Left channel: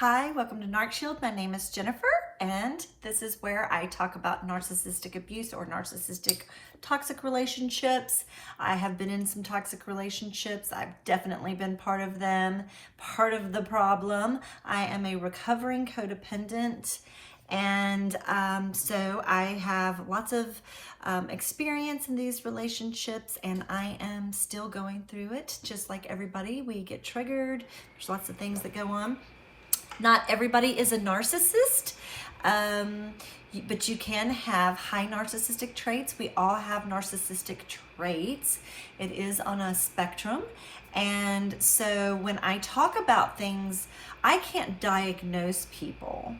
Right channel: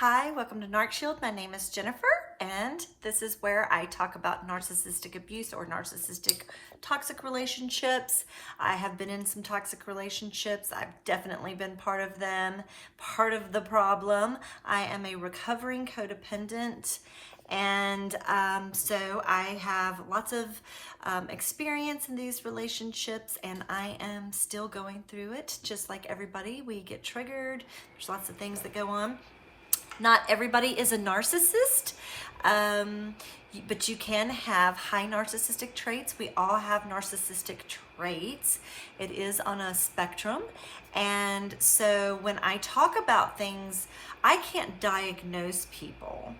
Hi, welcome to Narc Shield. My name is Jennifer, and this is where I talk about narcissistic abuse or narcissistic toxic relationships. I have been in some toxic relationships. I've definitely been part of them, part of the problem. I am a recovering codependent, and so I have lots of experience in these relationships, and I am still going through it. Just like everybody, we get triggered. There's lots of things that go on. Not everybody is a narcissist, but you can have high narcissistic traits. We all have narcissistic traits. It is on a spectrum. And so when I talk about things, I can't diagnose people.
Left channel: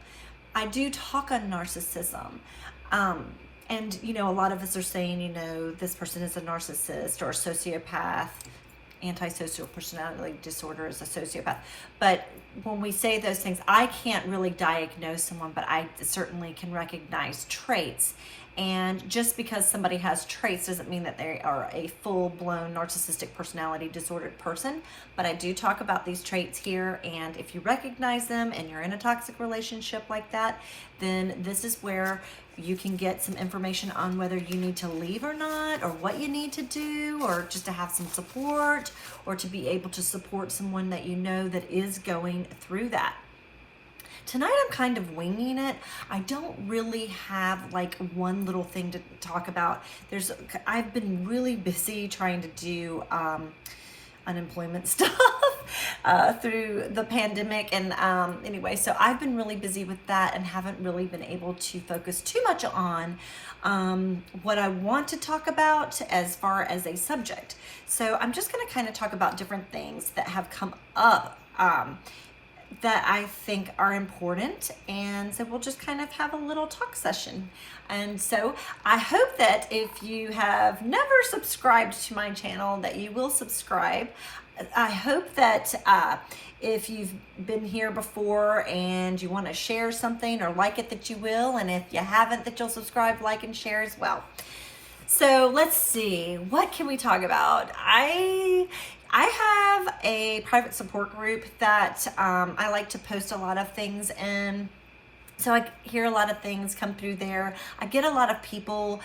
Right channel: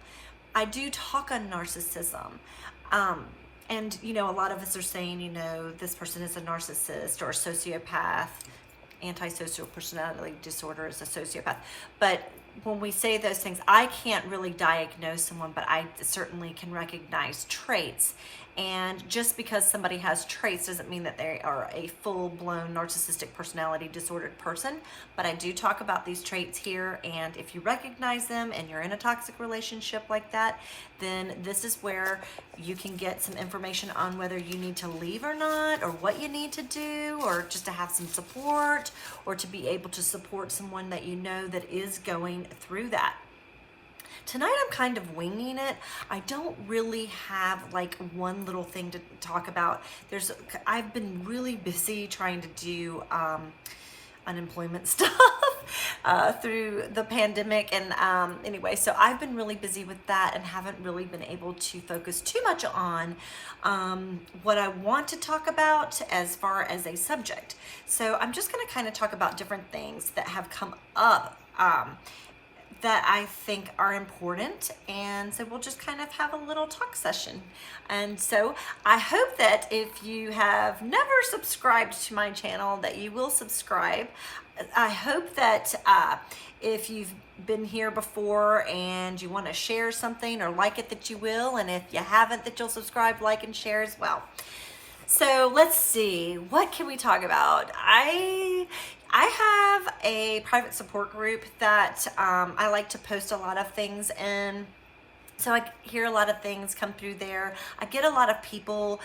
I do talk on narcissism. And, a lot of us are saying, this person is a narcissist or a sociopath. Antisocial personality disorder is a sociopath. But when we say those things, I can't really diagnose someone, but I certainly can recognize traits. And just because somebody has traits doesn't mean that they are a full-blown narcissistic personality disordered person. But I do talk about these traits here, and if you recognize them and you're in a toxic relationship like that, then this is where you can get some information on whether you need to leave or not, or what you need to do, or just to have some support, or to be able to support someone that you know that is going through that. Tonight I'm kind of winging it. I don't really have like one little thing to talk about. I've been really busy trying to do unemployment stuff through the pandemic, and anyway, so I've been really busy with that and haven't really been able to focus too much on what I want to talk about as far as a subject. So I'm just going to kind of talk about different things that have come up that I think are important, and so we'll just kind of have a little talk session. And so I hope that if you have never subscribed to my channel, that you will subscribe. I hope that if you've been here before and you want to share something or like it, that you will, and if you haven't, that you'll subscribe, like, and share as well. So let's see, what can we talk about? I have a private support group that I like to post a lot of things in. So I hear a lot of things come through there. I get a lot of people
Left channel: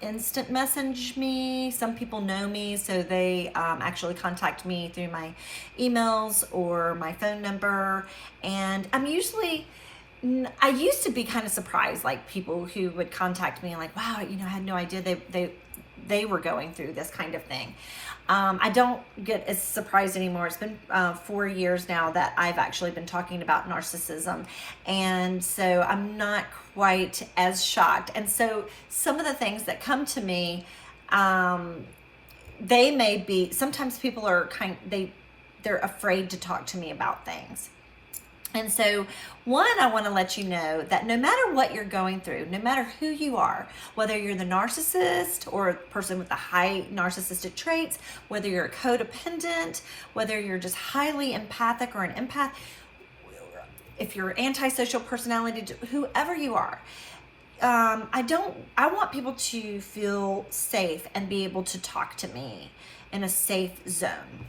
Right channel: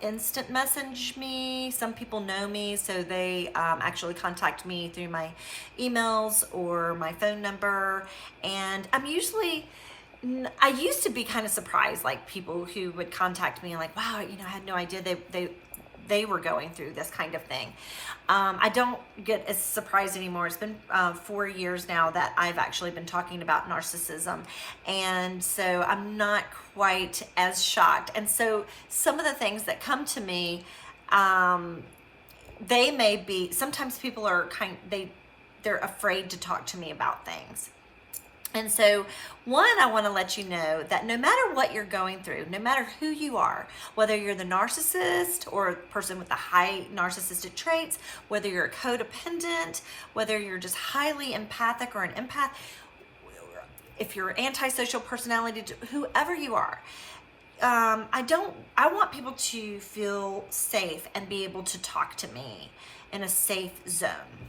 instant message me. Some people know me, so they actually contact me through my emails or my phone number. And I used to be kind of surprised, like people who would contact me like, wow, I had no idea they were going through this kind of thing. I don't get as surprised anymore. It's been 4 years now that I've actually been talking about narcissism, and so I'm not quite as shocked. And so some of the things that come to me, they may be, sometimes people are they're afraid to talk to me about things. And so, one, I want to let you know that no matter what you're going through, no matter who you are, whether you're the narcissist or a person with the high narcissistic traits, whether you're a codependent, whether you're just highly empathic or an empath, if you're antisocial personality, whoever you are, I want people to feel safe and be able to talk to me in a safe zone.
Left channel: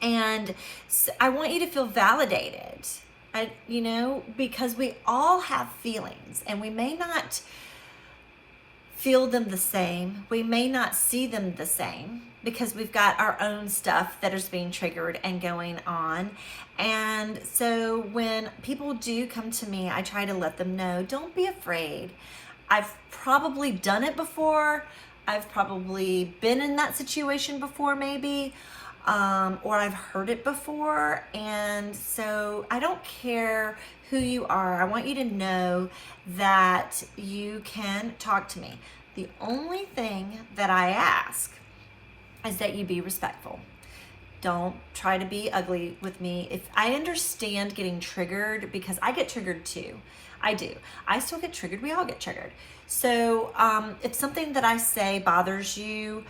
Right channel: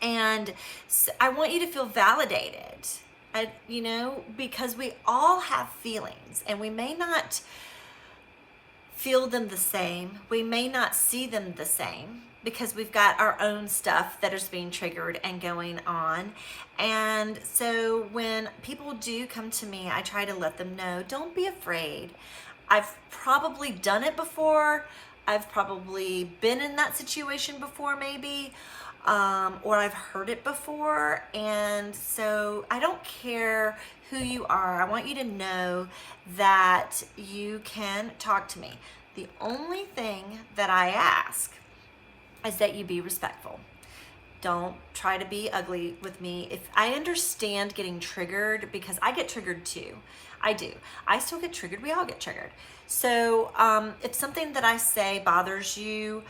And I want you to feel validated, because we all have feelings, and we may not feel them the same. We may not see them the same because we've got our own stuff that is being triggered and going on. And so when people do come to me, I try to let them know, don't be afraid. I've probably done it before. I've probably been in that situation before, maybe. Or I've heard it before, and so I don't care who you are. I want you to know that you can talk to me. The only thing that I ask is that you be respectful. Don't try to be ugly with me. If I understand getting triggered, because I get triggered too. I do. I still get triggered. We all get triggered. So if something that I say bothers you,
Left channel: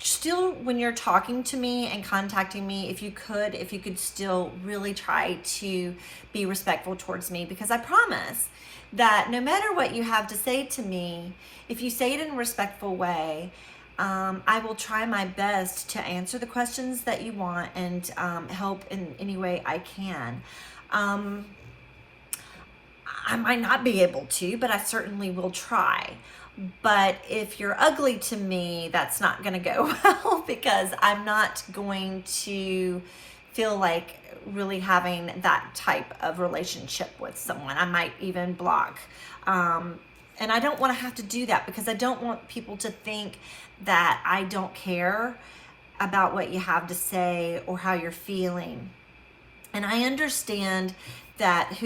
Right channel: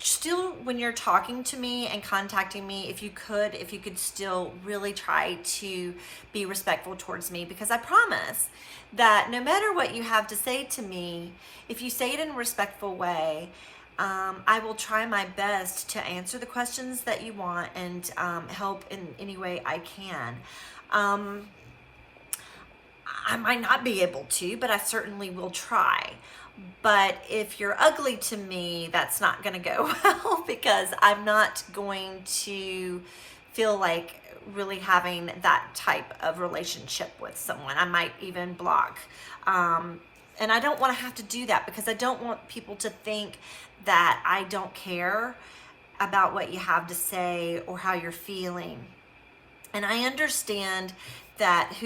still, when you're talking to me and contacting me, if you could still really try to be respectful towards me, because I promise that no matter what you have to say to me, if you say it in a respectful way, I will try my best to answer the questions that you want and help in any way I can. I might not be able to, but I certainly will try. But if you're ugly to me, that's not going to go well, because I'm not going to feel like really having that type of relationship with someone. I might even block. And I don't want to have to do that, because I don't want people to think that I don't care about what you have to say or how you're feeling. And I understand that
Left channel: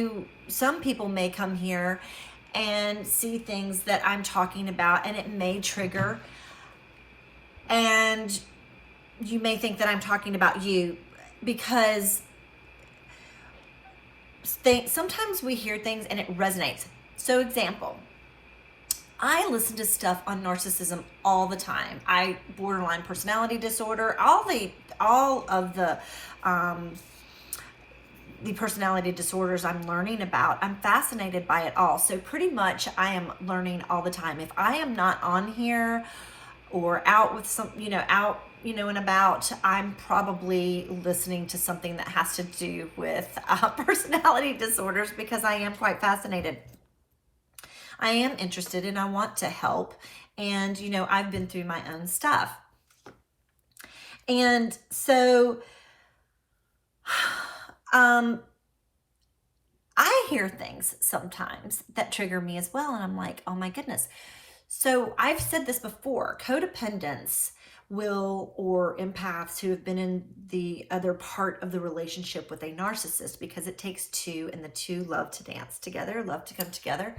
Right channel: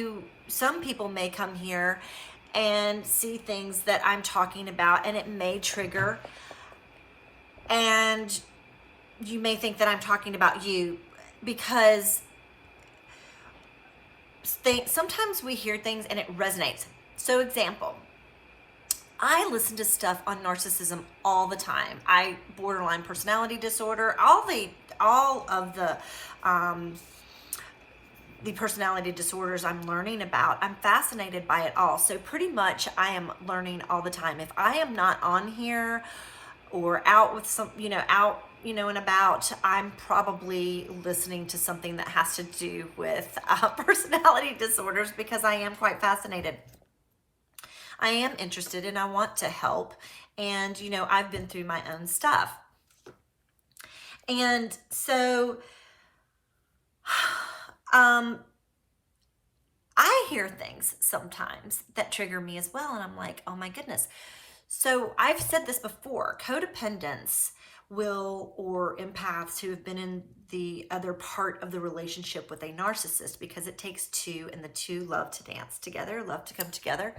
some people may come here and see things that I'm talking about, and it may trigger, and you may think that I'm talking about you, because sometimes we hear things and it resonates. So example, I listen to stuff on narcissism all the time. Borderline personality disorder, all of the personality disorders I'm learning about. I'm fascinated by it all. So pretty much I am learning all the time. If I am not on here or out with and about, I'm probably listening to something that has to do with personality disorders, because I am quite fascinated. I am interested and I want to help. And, I've been through my own stuff. And so, I hear things sometimes that trigger me as well. And I'm like, oh my goodness. So I've said this before, codependence or empaths who have been in the other part of the relationship with a narcissist, because it takes two, and the two love to dance together, love to come together,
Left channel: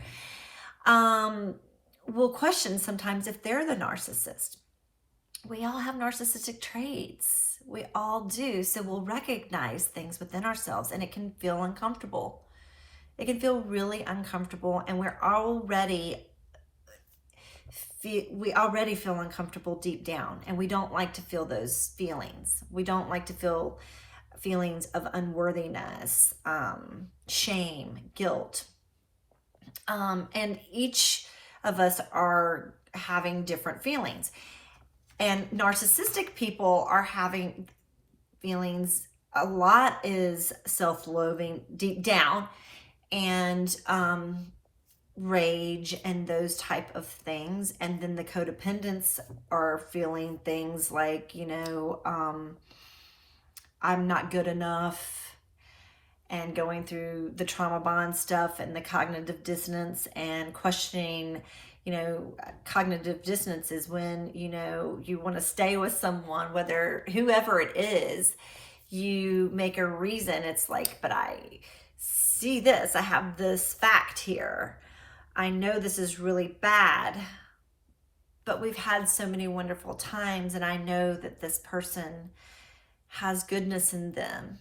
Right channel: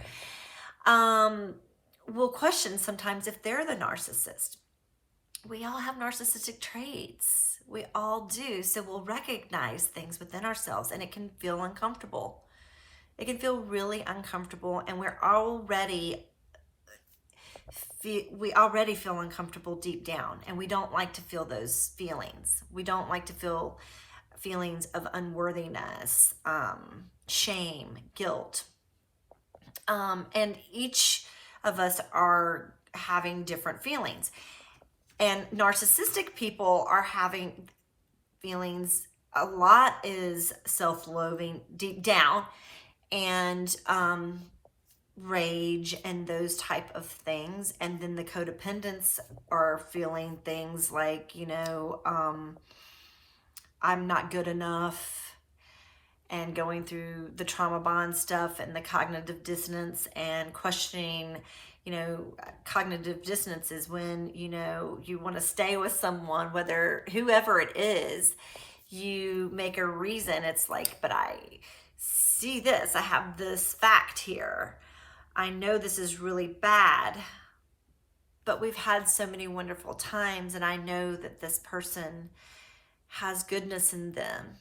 will question sometimes if they're the narcissist. We all have narcissistic traits. We all do. So we'll recognize things within ourselves, and it can feel uncomfortable. It can feel really uncomfortable, and we already feel uncomfortable deep down, and we don't like to feel those feelings. We don't like to feel feelings of unworthiness, shame, guilt. And each of us are having different feelings. And narcissistic people are having feelings, a lot is self-loathing deep down, and rage and those type of things. And then the codependents are feeling things like, I'm not good enough, and going through the trauma bond stuff and the cognitive dissonance and questioning. Cognitive dissonance is when, you want to stay with someone, whoever it is, you make a reason. It's like, but I see this, I have this fact here. I know this is really bad, but we've had so many wonderful times, and I know that this person has goodness in them,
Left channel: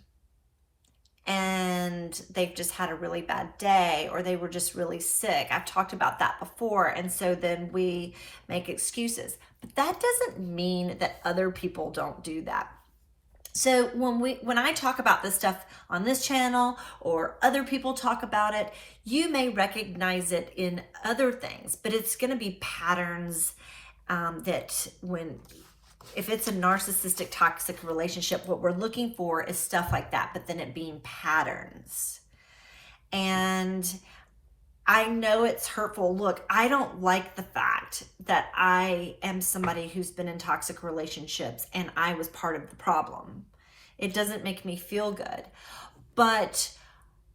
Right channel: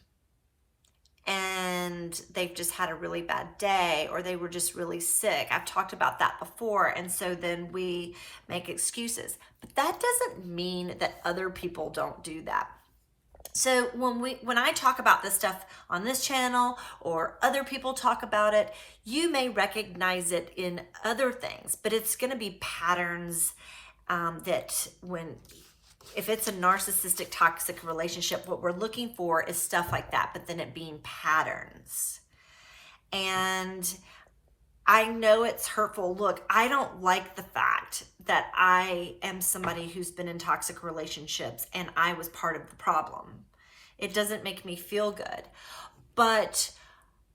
and they've just had a really bad day, or they were just really sick. I've talked about that before. And so then we make excuses, but that doesn't mean that other people don't do that. So when I talk about this stuff on this channel, or other people talk about it, you may recognize it in other things, but it's going to be patterns if it's a narcissistic toxic relationship, what we're looking for is stuff like that, but then it being patterns. And I know it's hurtful. Look, I don't like the fact that I am somebody who's been in toxic relationships and I was part of the problem. It doesn't make me feel good. But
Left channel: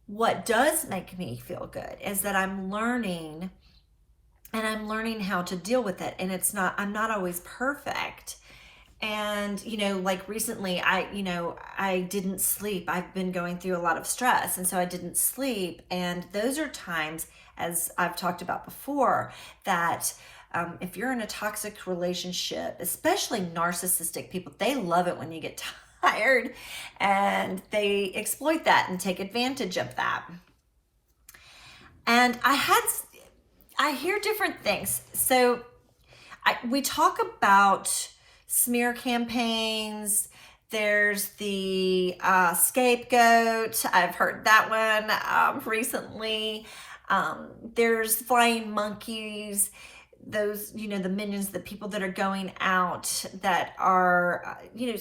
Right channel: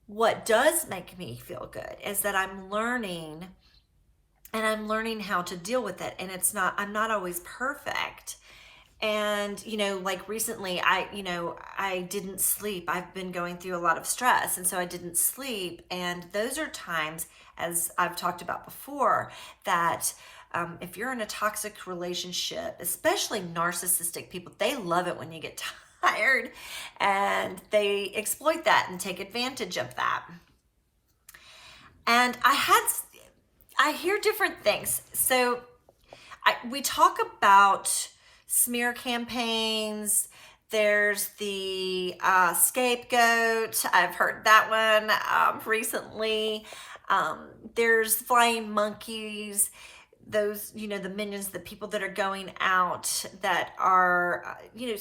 what does make me feel good is that I'm learning, and I'm learning how to deal with it. And I'm not always perfect. And, like recently, I didn't sleep. I've been going through a lot of stress. And so I didn't sleep. And those are times, as I've talked about before, that if you're in a toxic relationship, especially narcissistic people, they love it when you get tired, and they exploit that and take advantage of that. And I hear different things. So we talk about smear campaigns. There's the scapegoat. I've heard that one recently. There's flying monkeys. those, you know, the minions, the people that are going out that are, you know,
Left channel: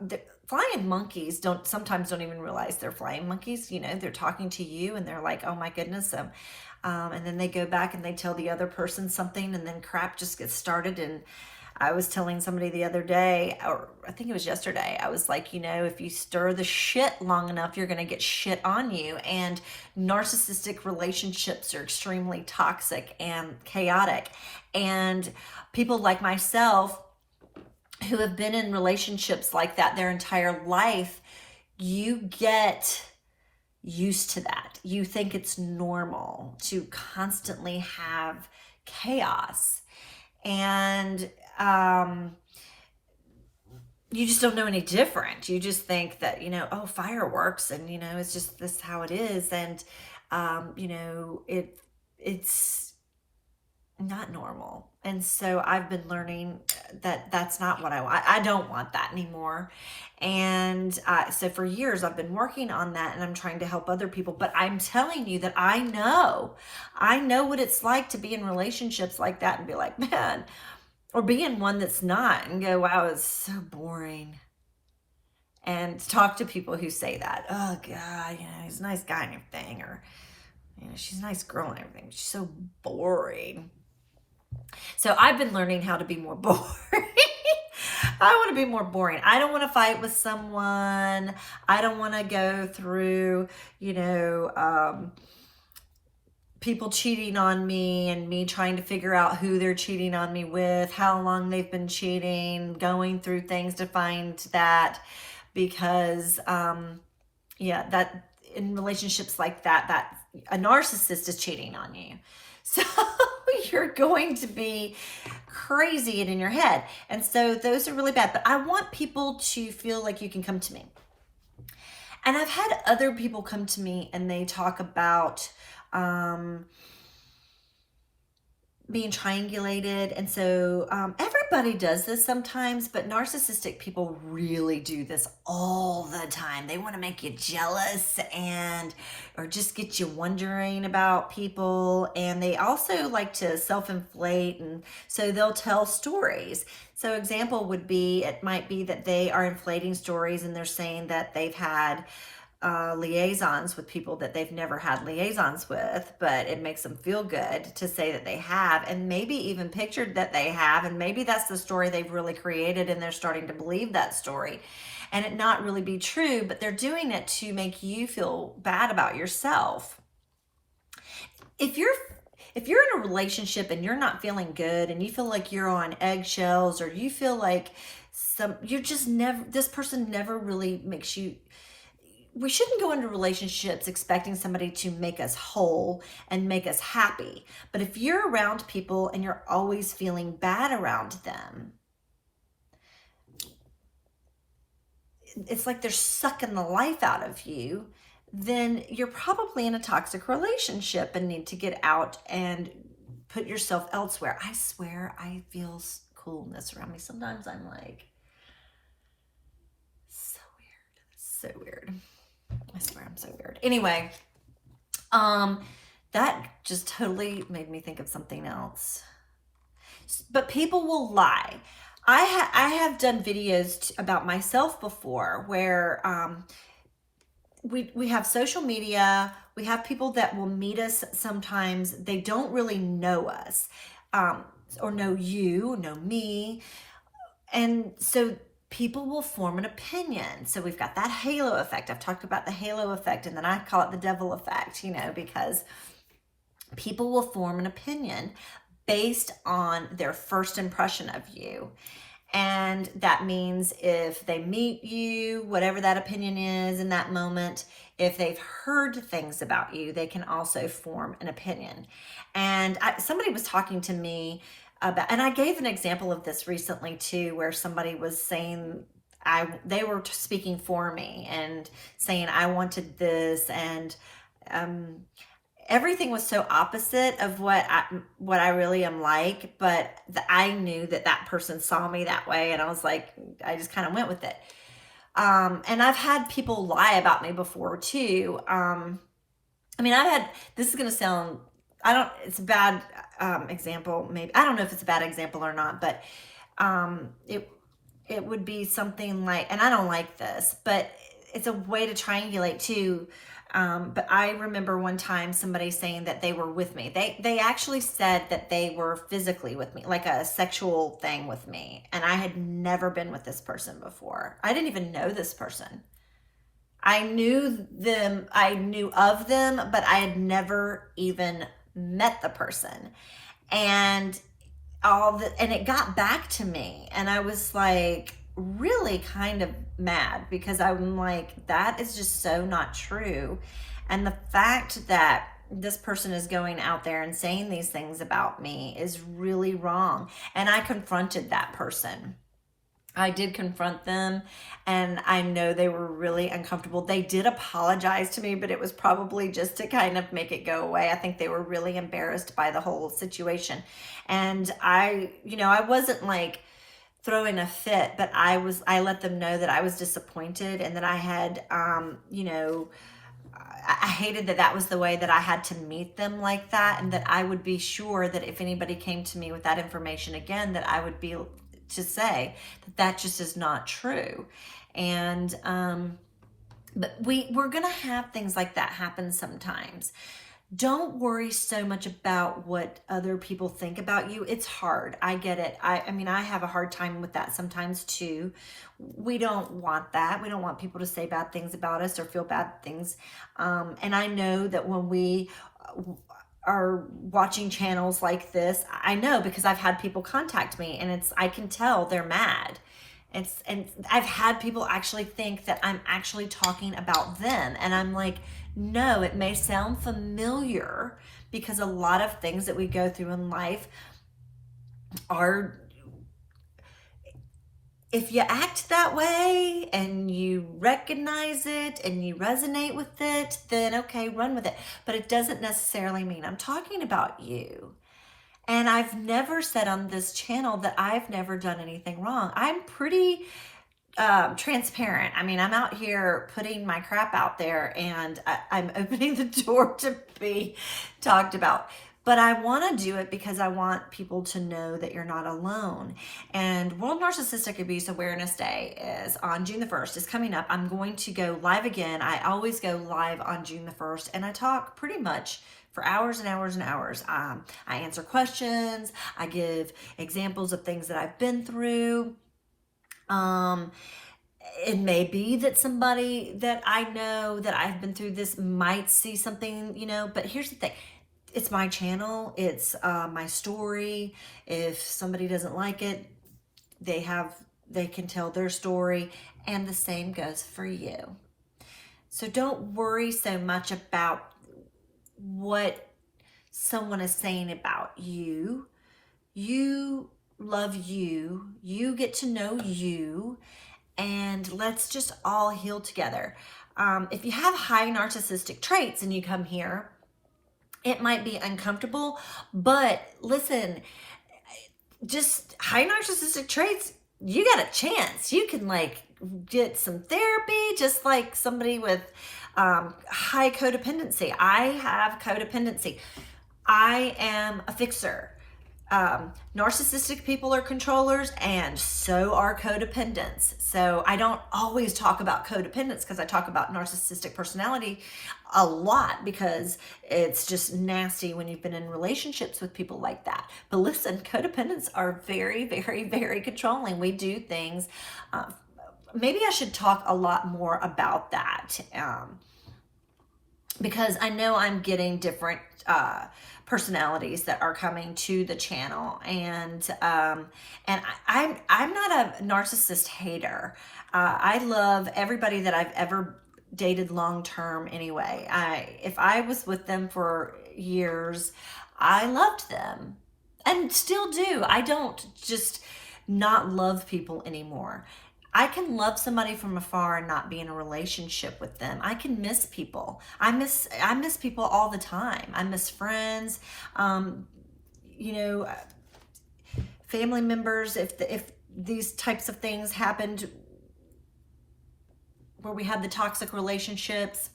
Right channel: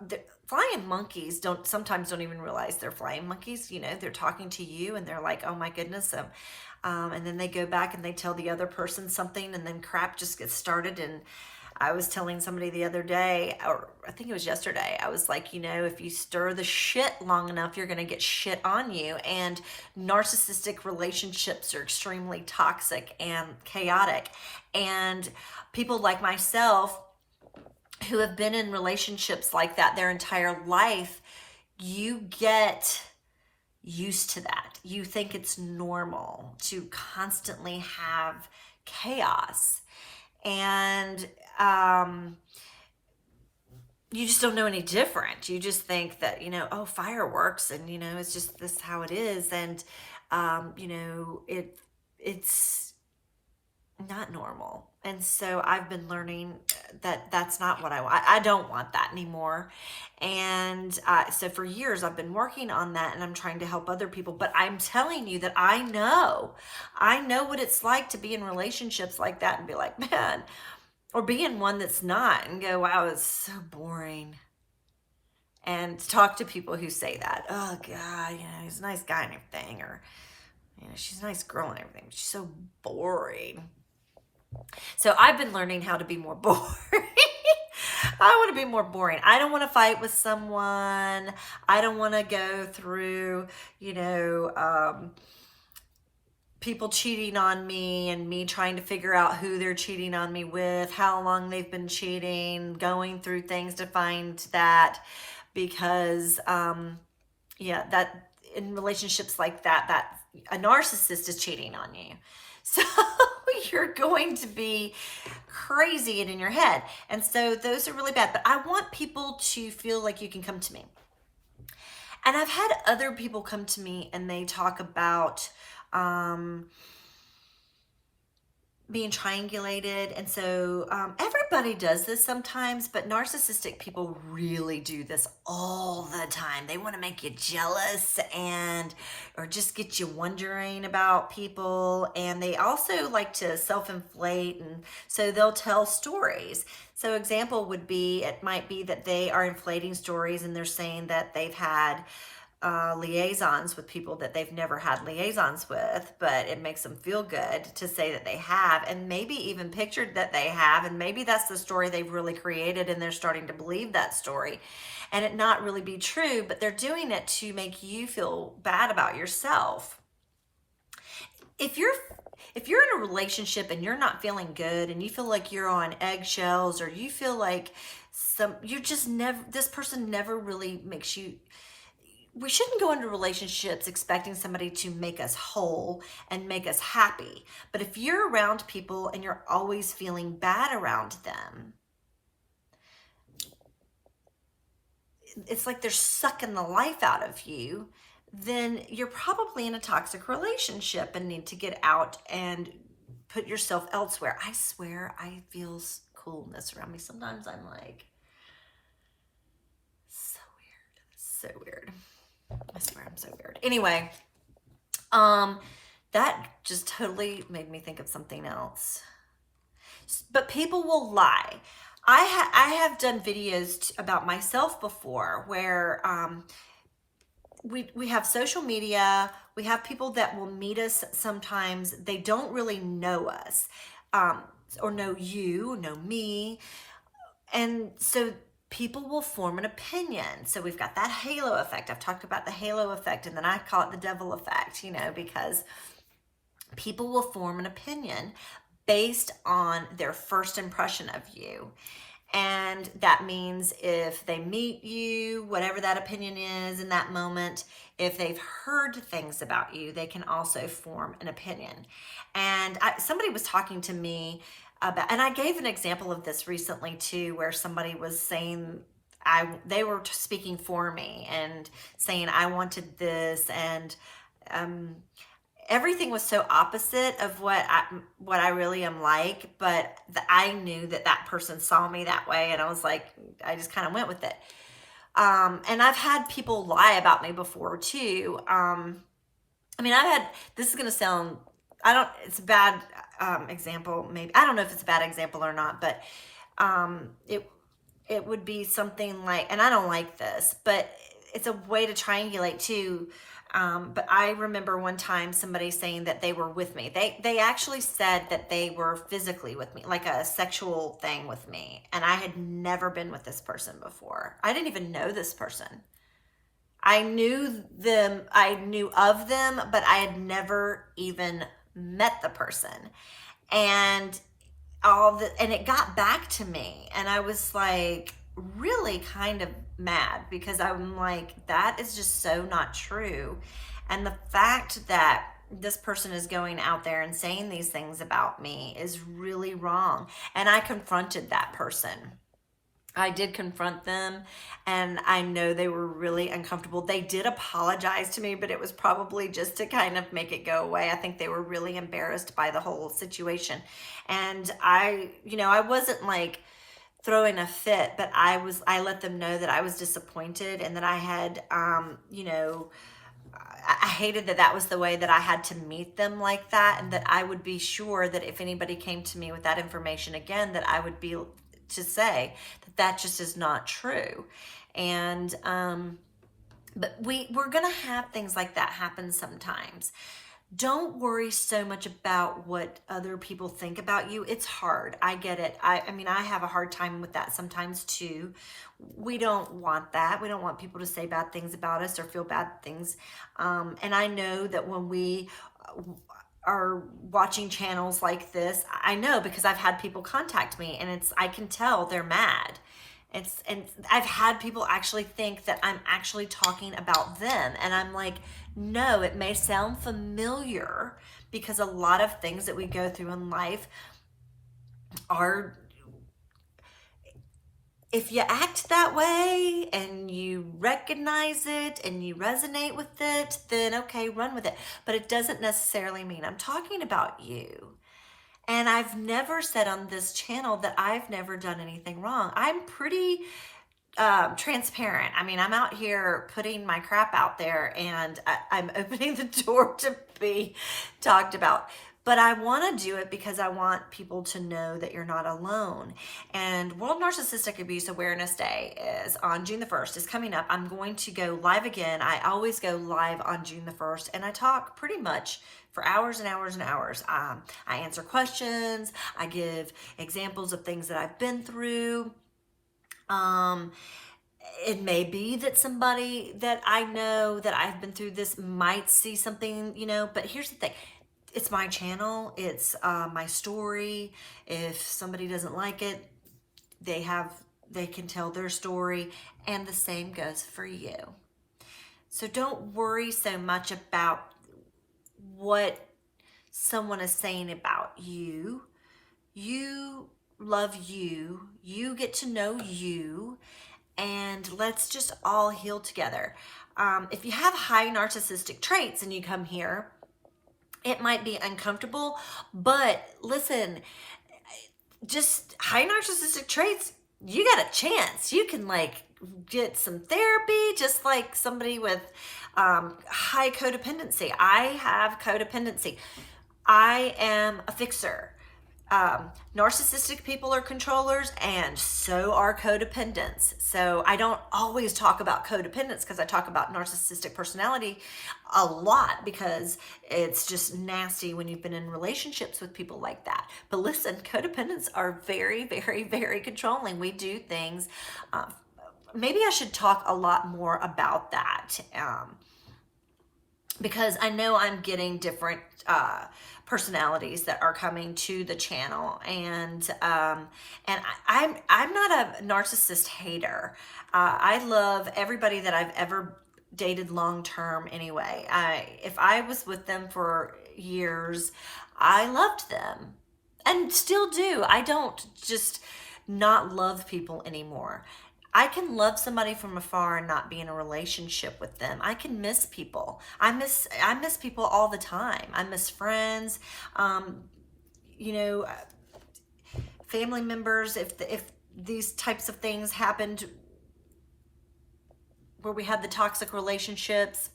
the flying monkeys sometimes don't even realize they're flying monkeys. You know, they're talking to you and they're like, oh my goodness. And then they go back and they tell the other person something, and then crap just gets started. And I was telling somebody the other day, or I think it was yesterday, I was like, you know, if you stir the shit long enough, you're going to get shit on you. And narcissistic relationships are extremely toxic and chaotic. And people like myself who have been in relationships like that their entire life, you get used to that. You think it's normal to constantly have chaos. And you just don't know any different. You just think that, you know, oh, fireworks, and, you know, it's just this how it is. And, you know, it's not normal. And so I've been learning that that's not what I want. I don't want that anymore. And so for years I've been working on that, and I'm trying to help other people. But I'm telling you that I know what it's like to be in relationships like that and be like, man, or be in one that's not and go, wow, it's so boring. And talk to people who say that, oh God, you know, he's a nice guy and everything, or, you know, she's a nice girl and everything, but she's so boring. So I've been learning how to be more boring. I want to be more boring. I don't want to fight with someone. I don't want to go through, you know, people cheating on me and me trying to figure out who they're cheating on me with, how long they've been cheating, going through things to find that. Because, yeah, that in relationships like that a narcissist is cheating on you. So you're going to be crazy and in your head. And so those are really bad. But I want people to feel like you can come to me. And I've had other people come to me and they talk about being triangulated. And so everybody does this sometimes, but narcissistic people really do this all the time. They want to make you jealous or just get you wondering about people. And they also like to self-inflate. And so they'll tell stories. So example would be, it might be that they are inflating stories and they're saying that they've had liaisons with people that they've never had liaisons with, but it makes them feel good to say that they have, and maybe even pictured that they have, and maybe that's the story they've really created and they're starting to believe that story and it not really be true, but they're doing it to make you feel bad about yourself. If you're in a relationship and you're not feeling good and you feel like you're on eggshells, or you feel like this person never really makes you, we shouldn't go into relationships expecting somebody to make us whole and make us happy. But if you're around people and you're always feeling bad around them, it's like they're sucking the life out of you, then you're probably in a toxic relationship and need to get out and put yourself elsewhere. I swear I feel coolness around me. Sometimes I'm like, so weird. I swear I'm so weird. Anyway, that just totally made me think of something else. But people will lie. I have done videos about myself before where we have social media. We have people that will meet us sometimes. They don't really know us or know you, know me. And so people will form an opinion. So we've got that halo effect. I've talked about the halo effect, and then I call it the devil effect, you know, because people will form an opinion based on their first impression of you. And that means if they meet you, whatever that opinion is in that moment, if they've heard things about you, they can also form an opinion. And somebody was talking to me about, and I gave an example of this recently too, where somebody was saying, they were speaking for me and saying, I wanted this, and everything was so opposite of what I really am like, but I knew that person saw me that way, and I was like, I just kind of went with it. And I've had people lie about me before too. I mean, this is going to sound, it's bad. example, maybe, I don't know if it's a bad example or not, but it would be something like, and I don't like this, but it's a way to triangulate too. But I remember one time somebody saying that they were with me. They actually said that they were physically with me, like a sexual thing with me. And I had never been with this person before. I didn't even know this person. I knew them, I knew of them, but I had never even met the person. And and it got back to me, and I was like really kind of mad, because I'm like, that is just so not true. And the fact that this person is going out there and saying these things about me is really wrong. And I confronted that person. I did confront them, and I know they were really uncomfortable. They did apologize to me, but it was probably just to kind of make it go away. I think they were really embarrassed by the whole situation. And I wasn't like throwing a fit, but I let them know that I was disappointed, and that I had, I hated that was the way that I had to meet them like that. And that I would be sure that if anybody came to me with that information again, that I would be to say that just is not true. And but we're gonna have things like that happen sometimes. Don't worry so much about what other people think about you. It's hard. I get it. I mean, I have a hard time with that sometimes too. We don't want that. We don't want people to say bad things about us or feel bad things. And I know that when we are watching channels like this, I know, because I've had people contact me, and I can tell they're mad. And I've had people actually think that I'm actually talking about them. And I'm like, no, it may sound familiar, because a lot of things that we go through in life are, if you act that way and you recognize it and you resonate with it, then okay, run with it. But it doesn't necessarily mean I'm talking about you. And I've never said on this channel that I've never done anything wrong. I'm pretty transparent. I mean, I'm out here putting my crap out there, and I'm opening the door to be talked about. But I want to do it because I want people to know that you're not alone. And World Narcissistic Abuse Awareness Day is on June the 1st. Is coming up. I'm going to go live again. I always go live on June the 1st, and I talk pretty much for hours and hours and hours. I answer questions. I give examples of things that I've been through. It may be that somebody that I know that I've been through this might see something, but here's the thing. It's my channel. It's my story. If somebody doesn't like it, they can tell their story, and the same goes for you. So don't worry so much about what someone is saying about you. You love you. You get to know you, and let's just all heal together. If you have high narcissistic traits and you come here, it might be uncomfortable, but listen, just high narcissistic traits, you got a chance. You can get some therapy, just like somebody with high codependency. I have codependency. I am a fixer. Narcissistic people are controllers, and so are codependents. So I don't always talk about codependence, because I talk about narcissistic personality a lot, because it's just nasty when you've been in relationships with people like that. But listen, codependents are very, very, very controlling. We do things. Maybe I should talk a lot more about that, because I know I'm getting different personalities that are coming to the channel, and I'm not a narcissist hater. I love everybody that I've ever dated long term anyway. If I was with them for years, I loved them and still do. I don't just not love people anymore. I can love somebody from afar and not be in a relationship with them. I can miss people. I miss people all the time. I miss friends, family members. If these types of things happened where we had the toxic relationships,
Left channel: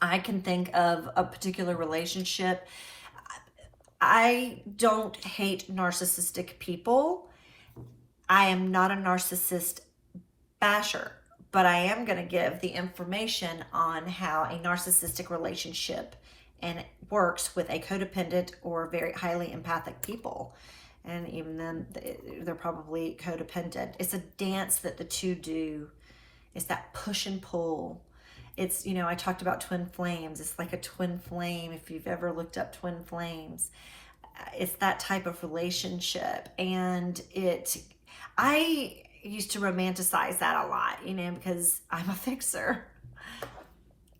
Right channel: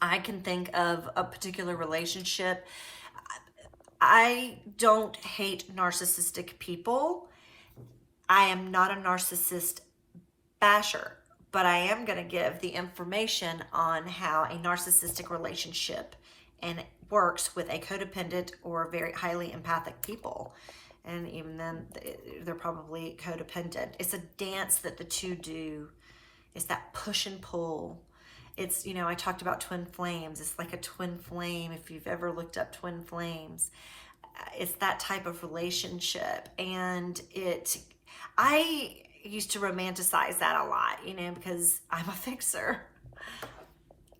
I can think of a particular relationship. I don't hate narcissistic people. I am not a narcissist basher, but I am going to give the information on how a narcissistic relationship and it works with a codependent or very highly empathic people. And even then, they're probably codependent. It's a dance that the two do. It's that push and pull. It's, you know, I talked about twin flames. It's like a twin flame. If you've ever looked up twin flames, it's that type of relationship. And I used to romanticize that a lot, you know, because I'm a fixer.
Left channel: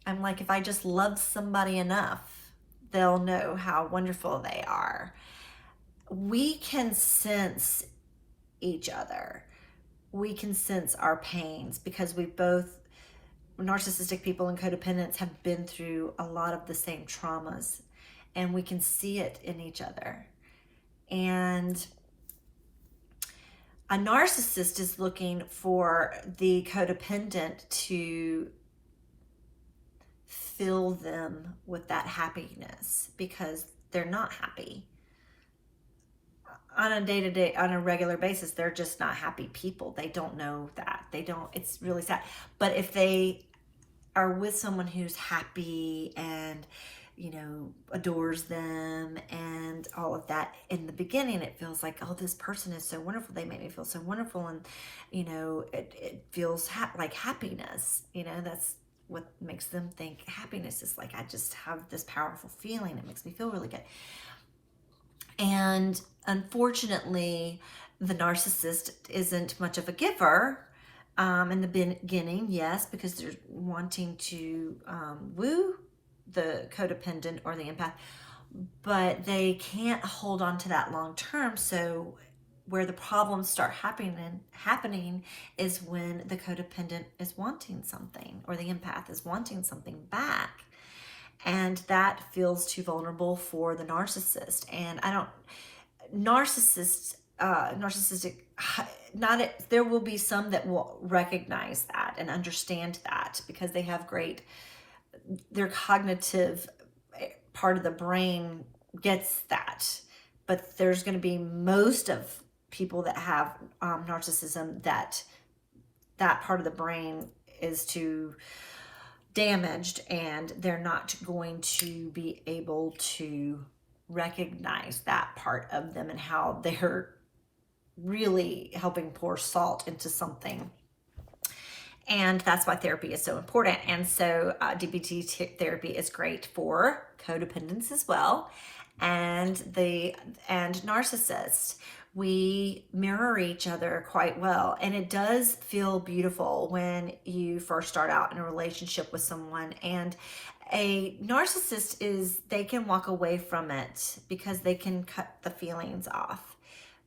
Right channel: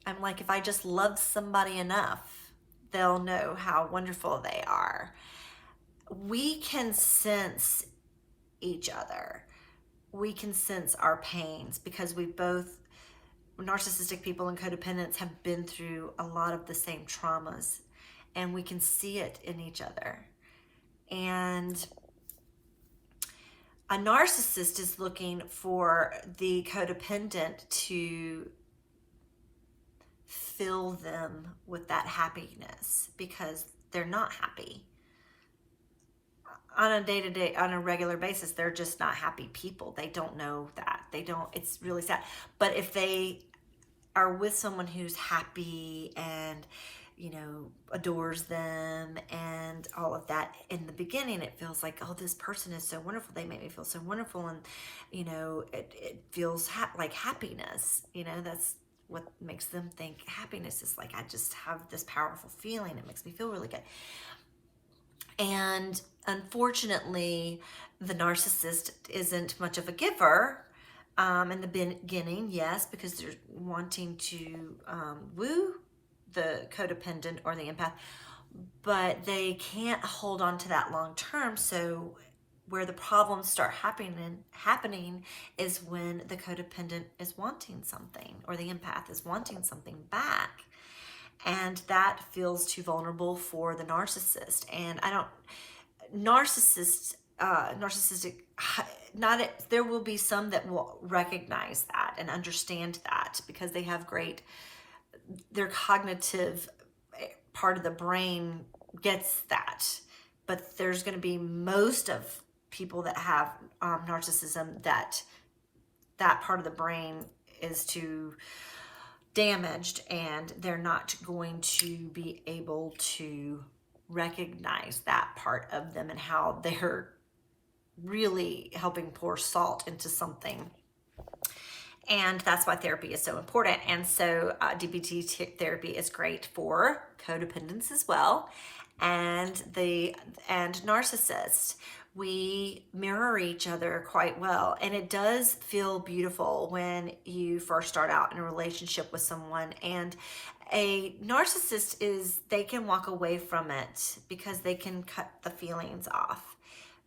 I'm like, if I just love somebody enough, they'll know how wonderful they are. We can sense each other. We can sense our pains because we both, narcissistic people and codependents, have been through a lot of the same traumas, and we can see it in each other. And a narcissist is looking for the codependent to fill them with that happiness because they're not happy. On a day-to-day, on a regular basis, they're just not happy people. They don't know that. It's really sad. But if they are with someone who's happy and, you know, adores them and all of that, in the beginning, it feels like, oh, this person is so wonderful. They make me feel so wonderful. And, you know, it feels like happiness. You know, that's what makes them think happiness is like, I just have this powerful feeling. It makes me feel really good. And unfortunately, the narcissist isn't much of a giver in the beginning, yes, because they're wanting to woo the codependent or the empath, but they can't hold on to that long term. So where the problems start happening is when the codependent is wanting something or the empath is wanting something back. And that feels too vulnerable for the narcissist. And narcissistic, there will be some that will recognize that and understand that because they have their cognitive part of the brain gets that. But there's going to be most of people that have narcissism that part of the brain is too damaged, and they're not going to be able to recognize that part of them and how they're really helping pour salt into something. And that's why therapy is so important. And so DBT therapy is great for codependence as well, and narcissists. We mirror each other quite well. And it does feel beautiful when you first start out in a relationship with someone. And a narcissist they can walk away from it because they can cut the feelings off.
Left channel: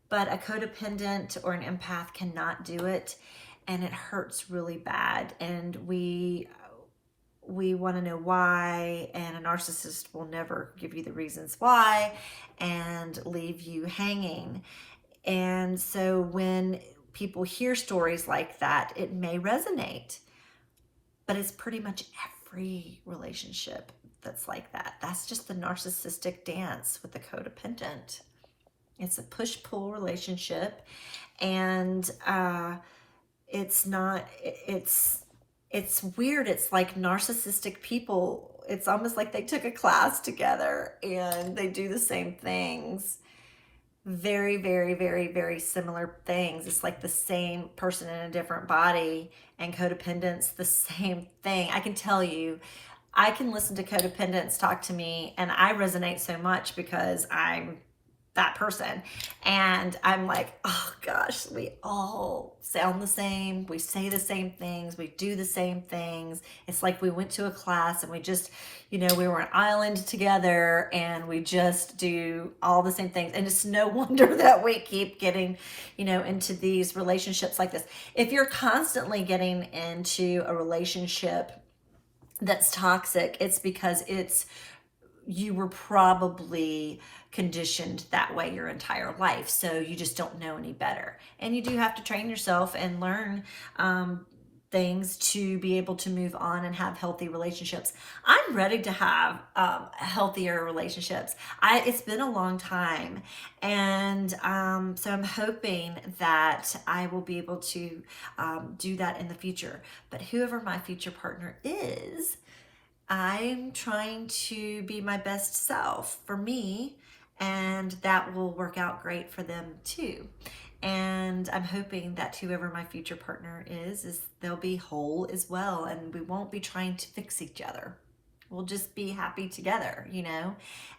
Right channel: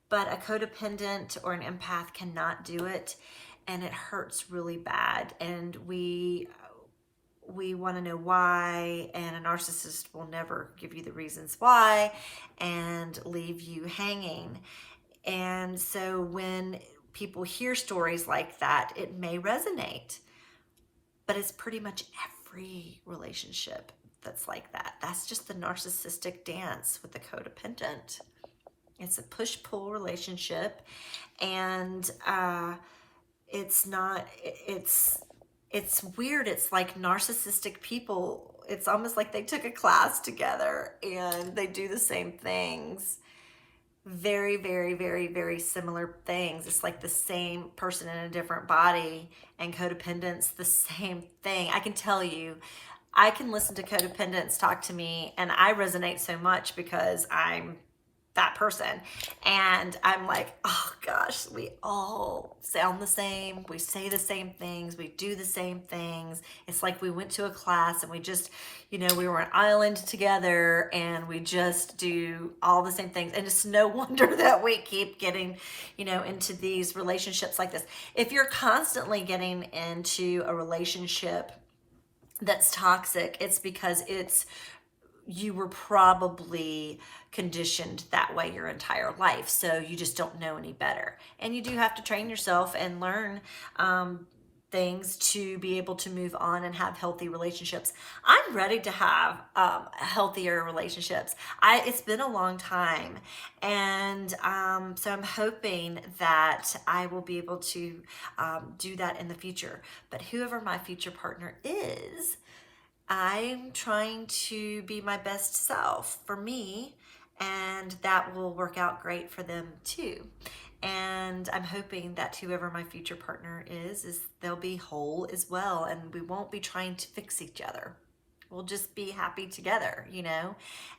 But a codependent or an empath cannot do it. And it hurts really bad. And we want to know why. And a narcissist will never give you the reasons why and leave you hanging. And so when people hear stories like that, it may resonate, but it's pretty much every relationship that's like that. That's just the narcissistic dance with the codependent. It's a push-pull relationship, and it's weird. It's like narcissistic people, it's almost like they took a class together and they do the same things. Very, very, very, very similar things. It's like the same person in a different body. And codependence, the same thing. I can tell you, I can listen to codependents talk to me, and I resonate so much because I'm that person. And I'm like, oh gosh, we all sound the same. We say the same things. We do the same things. It's like we went to a class and we just, you know, we were an island together and we just do all the same things. And it's no wonder that we keep getting, you know, into these relationships like this. If you're constantly getting into a relationship that's toxic, it's because you were probably conditioned that way your entire life. So you just don't know any better. And you do have to train yourself and learn things to be able to move on and have healthy relationships. I'm ready to have healthier relationships. It's been a long time, and so I'm hoping that I will be able to do that in the future. But whoever my future partner is, I'm trying to be my best self for me, and that will work out great for them too. And I'm hoping that whoever my future partner is they'll be whole as well, and we won't be trying to fix each other. We'll just be happy together, you know?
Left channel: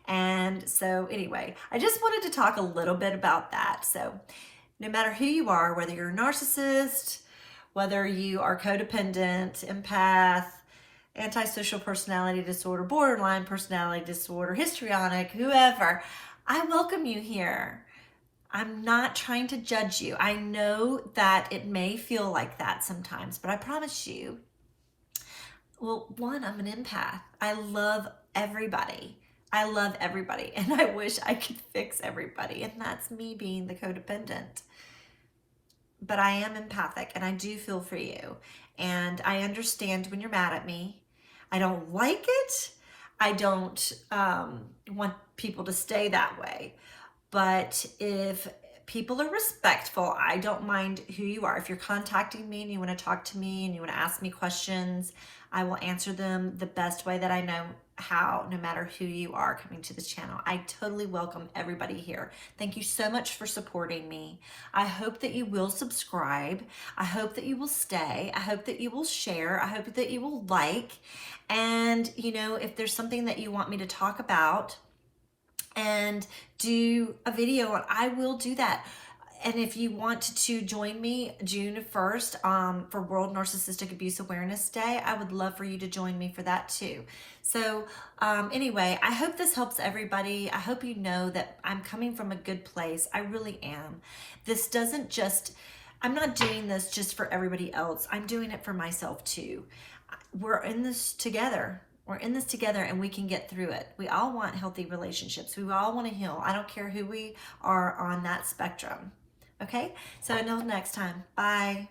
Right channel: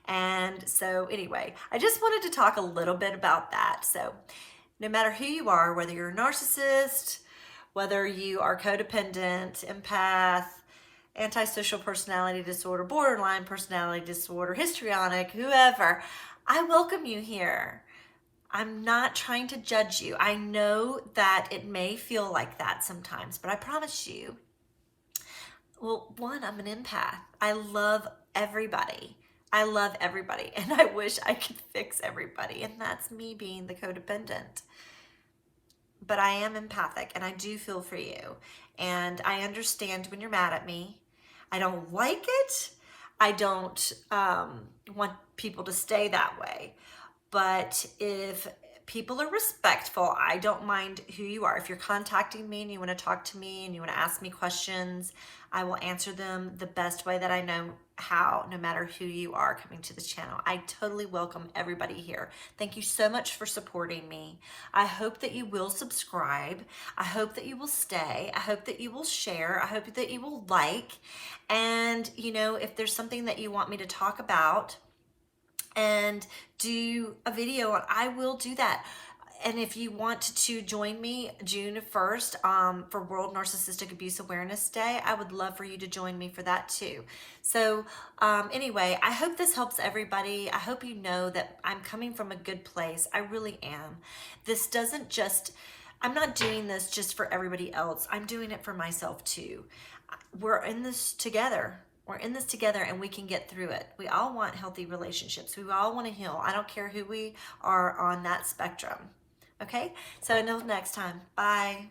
And so anyway, I just wanted to talk a little bit about that. So no matter who you are, whether you're a narcissist, whether you are codependent, empath, antisocial personality disorder, borderline personality disorder, histrionic, whoever, I welcome you here. I'm not trying to judge you. I know that it may feel like that sometimes, but I promise you, well, one, I'm an empath. I love everybody. I love everybody, and I wish I could fix everybody, and that's me being the codependent. But I am empathic, and I do feel for you, and I understand when you're mad at me. I don't like it. I don't want people to stay that way. But if people are respectful, I don't mind who you are. If you're contacting me and you want to talk to me and you want to ask me questions, I will answer them the best way that I know how, no matter who you are coming to this channel. I totally welcome everybody here. Thank you so much for supporting me. I hope that you will subscribe. I hope that you will stay. I hope that you will share. I hope that you will like. And, you know, if there's something that you want me to talk about and do a video on, I will do that. And if you want to join me June 1st for World Narcissistic Abuse Awareness Day, I would love for you to join me for that too. So anyway, I hope this helps everybody. I hope you know that I'm coming from a good place. I really am. This doesn't just, I'm not doing this just for everybody else. I'm doing it for myself too. We're in this together. We're in this together, and we can get through it. We all want healthy relationships. We all want to heal. I don't care who we are on that spectrum. Okay? So until next time, bye.